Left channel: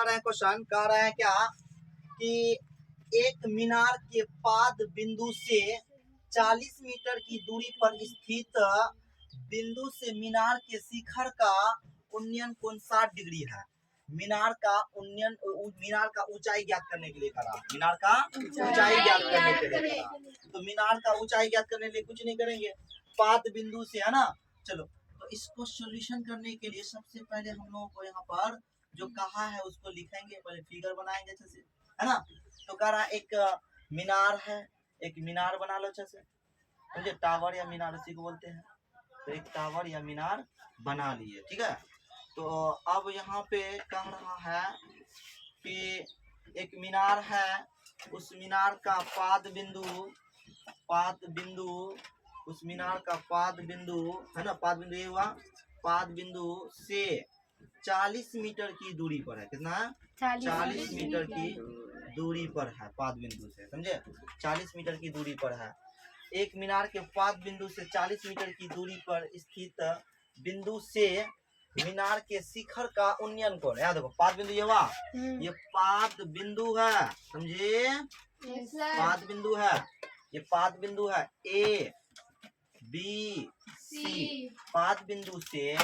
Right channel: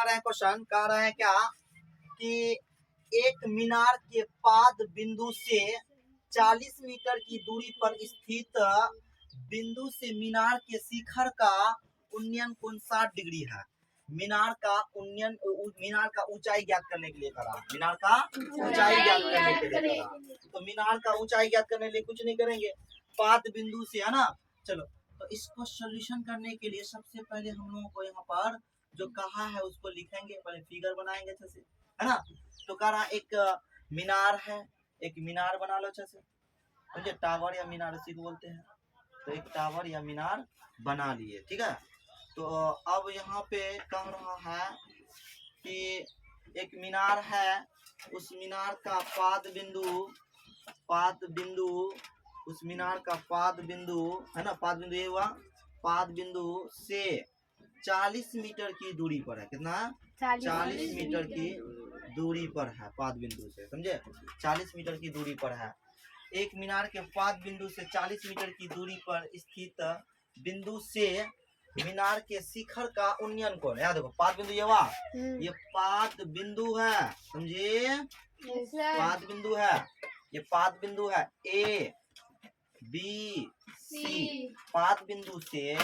कह रहे हैं क्वेश्चन, कह रहे हैं क्या कि एक मीनार के पाद बिंदु से 40 मीटर की दूरी पर स्थित बिंदु से मीनार के शिखर का उन्नयन कोण 60 डिग्री है। मीनार का उन्नयन, मीनार का ऊंचाई ज्ञात करने के लिए करा, मीनार का ऊंचाई ज्ञात करने के लिए करा। तो मीनार का ऊंचाई ज्ञात करने के लिए कुछ नहीं करेंगे, पाद बिंदु से, है ना। चलो, तो इसको सोल्यूशन करने के लिए सबसे पहले हम लोगों को यहाँ पर जो कहा है उसको लिखेंगे, पहले फिगर बनाएंगे अच्छे से, है ना। तो कह रहा एक मीनार है, एक मीनार बना लो अच्छे से, समझे, टावर या मीनार इसी को बोलते हैं। तो एक टावर या मीनार बना लिए, ठीक है। तो अब यहाँ पे कह रहा है कि एक मीनार है, उस मीनार का पाद बिंदु, उस मीनार का पाद बिंदु, है ना, पाद बिंदु ये हुआ, पाद बिंदु से 40 मीटर की दूरी पर है। कितना है? 40 मीटर की दूरी पर है पाद बिंदु से, समझे, 40 मीटर की दूरी पर है। एक मीनार के पाद बिंदु से 40 मीटर की दूरी पर स्थित बिंदु से मीनार के शिखर का उन्नयन कोण, याद देखो, पाद बिंदु ये हुआ, ये पाद बिंदु है, समझे, पाद बिंदु है, ये पाद बिंदु है ए बी सी। पाद बिंदु से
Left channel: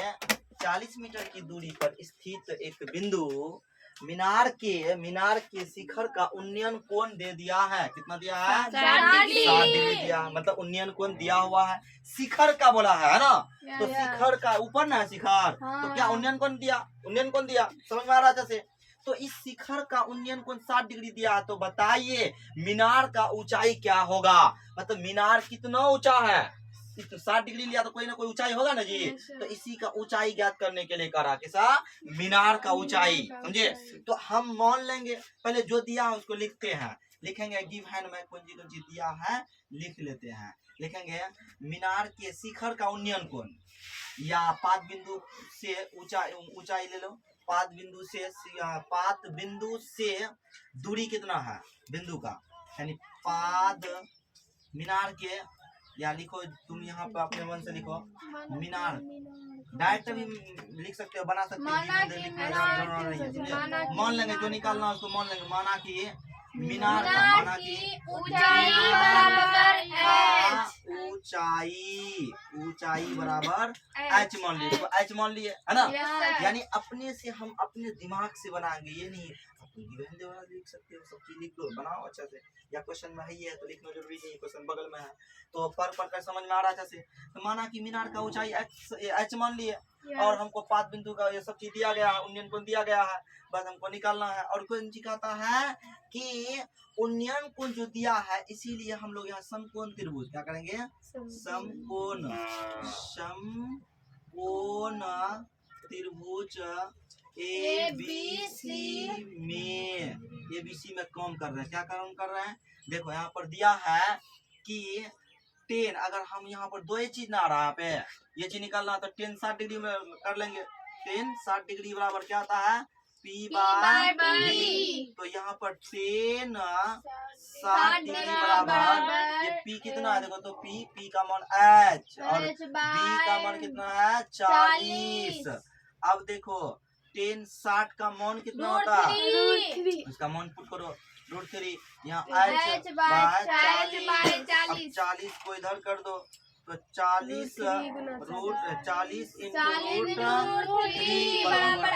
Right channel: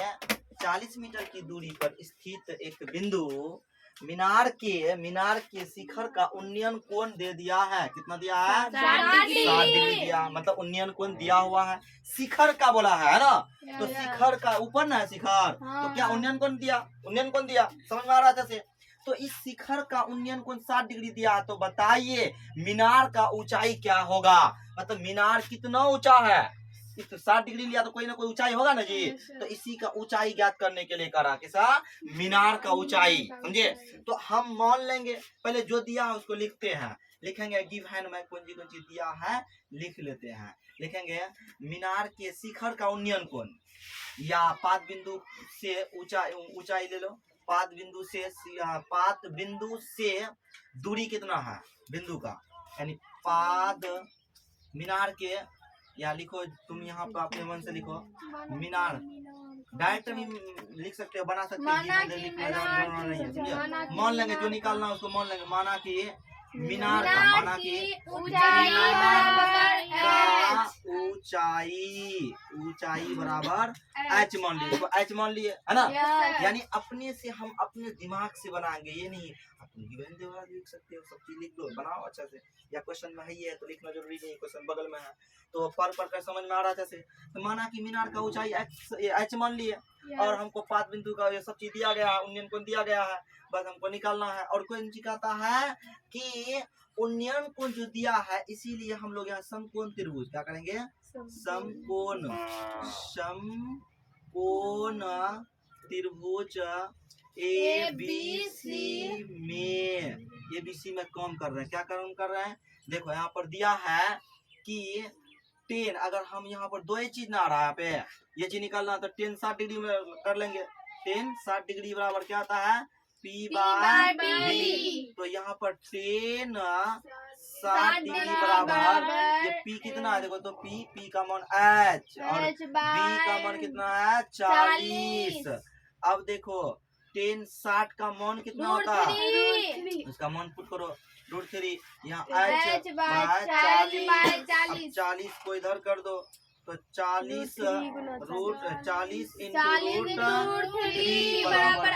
40 मीटर की दूरी पर स्थित एक बिंदु मीनार के शिखर का उन्नयन कोण दे दिया है। कितना दिया है? 60 डिग्री दिया, मतलब उन्नयन कोण दिया हुआ है। शिखर का बोला है ना, तो शिखर का ऊपर ना है शिखर, तो क्या उन्नयन कोण दिया, उन्नयन कोण दिया, समझ में आ रहा है जैसे। तो इस शिखर का उन्नयन कोण 60 डिग्री दिया है, तो बताइए मीनार का ऊंचाई क्या होगा, मतलब मीनार कितना ऊंचा है। इस तो 60 डिग्री लिया तो कोई ना कोई ऊंचाई होगा ना जी। तो इसी का ऊंचाई ज्ञात करने के लिए करा किसा, मीनार का ऊंचाई, समझे। तो हम मान लेंगे, पहले जो दिया है उसको लिखते हैं, लिखेंगे गिव हैंड में कौन सी दिया है लिख लेते हैं। लिखेंगे मीनार के शिखर का उन्नयन कोण, या पाद बिंदु से ऊंचाई ले लो, पाद बिंदु से दूरी कितना है बिंदु का, यानी पाद मीनार के, या लिखो तुम यहाँ पे अपने मन से लिखो मीनार, डायरेक्ट भी लिख सकते हो, बना सकते हो, मान लेंगे जो निकालना उसको मान लेंगे। माना कि मीनार का, माना कि ऊंचाई बराबर एच मान लिए, देखो एच मान लिए, है ना। यानी अपने से हम अपने दिमाग से बनाएंगे, ये नहीं लिख सकते हो, सब चीज लिख दो, बनाओ अच्छा से, या क्वेश्चन में है ही है तो लिखना जरूरी नहीं, क्वेश्चन बगल में है तो पढ़ कर समझ में आ रहा है अच्छे से। तो माना कि मीनार का ऊंचाई एच मान लिए, और हमको पाद बिंदु का ये सब चीज दिया गया है, उन्नयन कोण दिया गया है, बस हमको निकालना है। और कोई कहता है कि उन्नयन कोण जो दिया है, इसीलिए हम लोग यहाँ समकोण त्रिभुज क्या करेंगे, समकोण त्रिभुज ABC में काम कर रहे हैं। क्या काम कर रहे हैं, देखो यहाँ पर दिया है कि 10, अगर हम यहाँ पर दो ही चीज ना आ रहा है, पे ये चीज निकालना, तो 10 60 डिग्री में कर लेंगे। 10 60 डिग्री बराबर क्या आता है, P बाय B। तो यहाँ पर 10 60 डिग्री बराबर, ये P कितना है देखो, तो P का मान H, और B का मान कितना है 40। अब देखो 10 60 का मान कितना होता है, उसका मान पुट करो √3, यहाँ H बाय 40, 40 को इधर कर दो, तो 40 इंटू √3 बराबर H,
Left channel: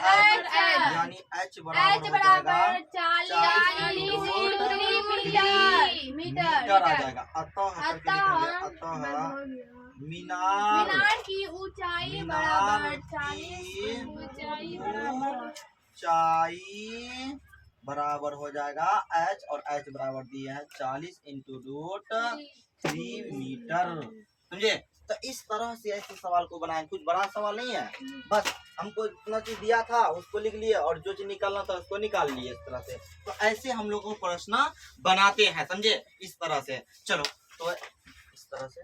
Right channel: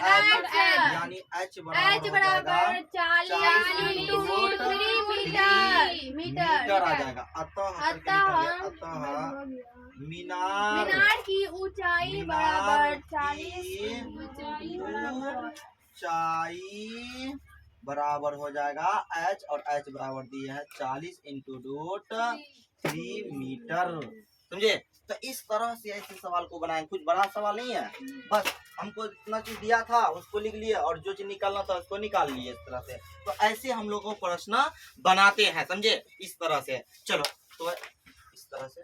यानी H बराबर 40 मीटर आ जाएगा। अतः मीनार की ऊंचाई बराबर 40 ऊंचाई बराबर हो जाएगा H, और H बराबर दिए हैं 40 इंटू √3 मीटर, समझे। तो इस तरह से ऐसे सवाल को बनाएं, कुछ बड़ा सवाल नहीं है, बस हमको इतना चीज दिया था उसको लिख लिए, और जो चीज निकालना था उसको निकाल लिए, इस तरह से। तो ऐसे हम लोग को प्रश्न बनाते हैं, समझे, इस तरह से। चलो, तो इस तरह से